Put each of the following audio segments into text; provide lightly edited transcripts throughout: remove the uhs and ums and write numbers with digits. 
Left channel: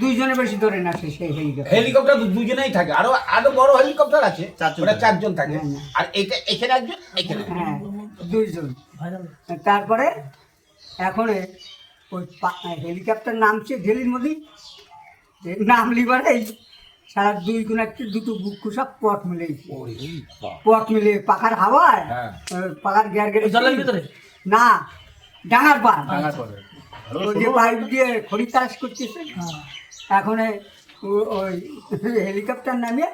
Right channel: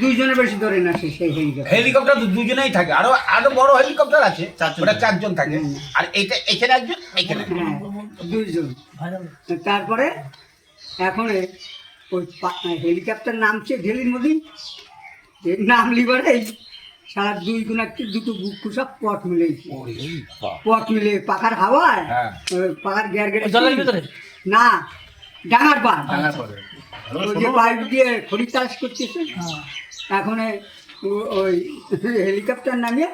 দুইজনের বেশি ধরে না সেই হেলিকপ্টার। হেলিকপ্টার দুজনেই থাকে, আরো আরো বড় হেলিকপ্টার আছে, ওটা 4 জন থাকে। আর এইটা এখানে একজন, এখানে হ্যাঁ, দুইজন। তারপরে এখন ওই হেলিকপ্টার নামছে ঢেলির মধ্যে, নাম লিবারে সারা দুই কোনাচ্ছে দুটো বুক সব পট মিলেছে, পট মিলে পাখার হাওয়ায় পাখার গ্যার গেড়ে জলের ভিতরে না, ডাঙার পা যে পাইপ দিয়ে খড়ি চাষ করতেছে। এখন ওই হেলিকপ্টার নামিয়ে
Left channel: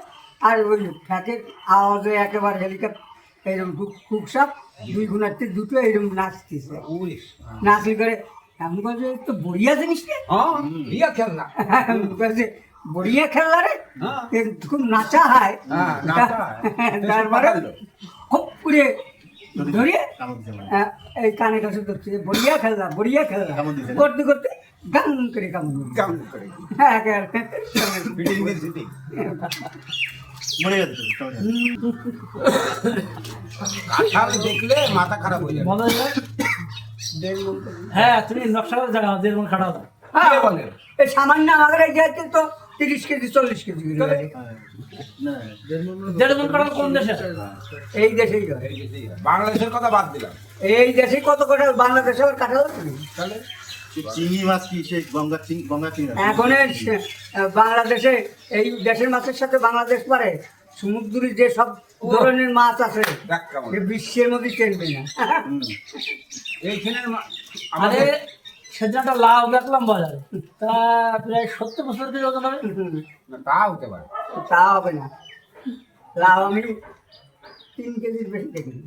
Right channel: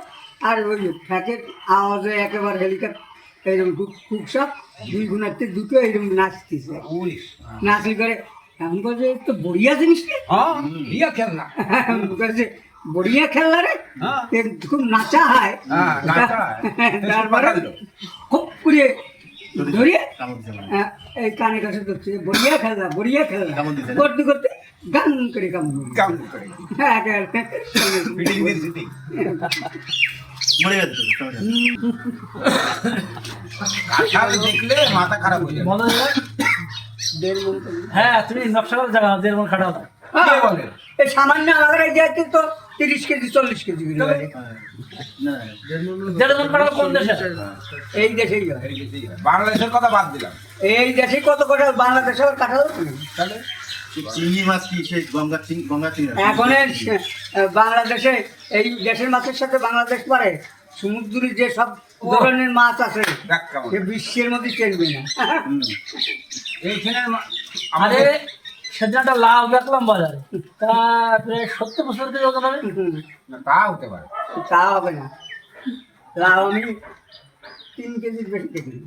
আর ওই ফ্যাকের আওয়াজে একেবারে হেলিকপ্টার এইরকম খুব সব দুই গুণার্থে দুটো এইরকম নাচতেছে, নাচলি করে এমন করে তো বড়িয়া জিনিস খেলনা, বড়িয়া খেলনা রে, খুব নাচা হয়। তারপরে খুব করে ধরিয়ে এই কানে কাছে ধরছে, বড়িয়া খেলনা বড়িয়া খেলনা করতে করতে গান করে কাম করে দেখলে মাথা খারাপ হয়ে যাবে। মনে হয় হ্যাঁ, তুমি নকশা করে জায়গা 1.5 মণ খাটাও দাও। বলে এই সামান্য আমাদের এই যাইতে তো 30 কেজি 40 কেজি করে লাগে। 1.5 মণ খাটাও কোন দেশে? এই দেশেই হয়। বাংলাদেশের কথা বাদ দিলাম, এই দেশে কত করে বাংলাদেশে কাটালো তাহলে চিংড়ি মাছ কি সেই গঙ্গা চিংড়ি? এখন বাংলাদেশে এই দেশের মাছের সাথে বাংলাদেশ পারে সমুদ্রে যে সব ধরনের মাছ আছে বিশ্বের মধ্যে চলবে না। এইখানে আরে সেদিন একটা লাউ দেখলাম বাজারে, তা প্রায় 70 বছর থেকে ওজন হবে। তা হতে পারে, তা হবে না, লাউ আমি 3 কেজির বেশি দেখিনি।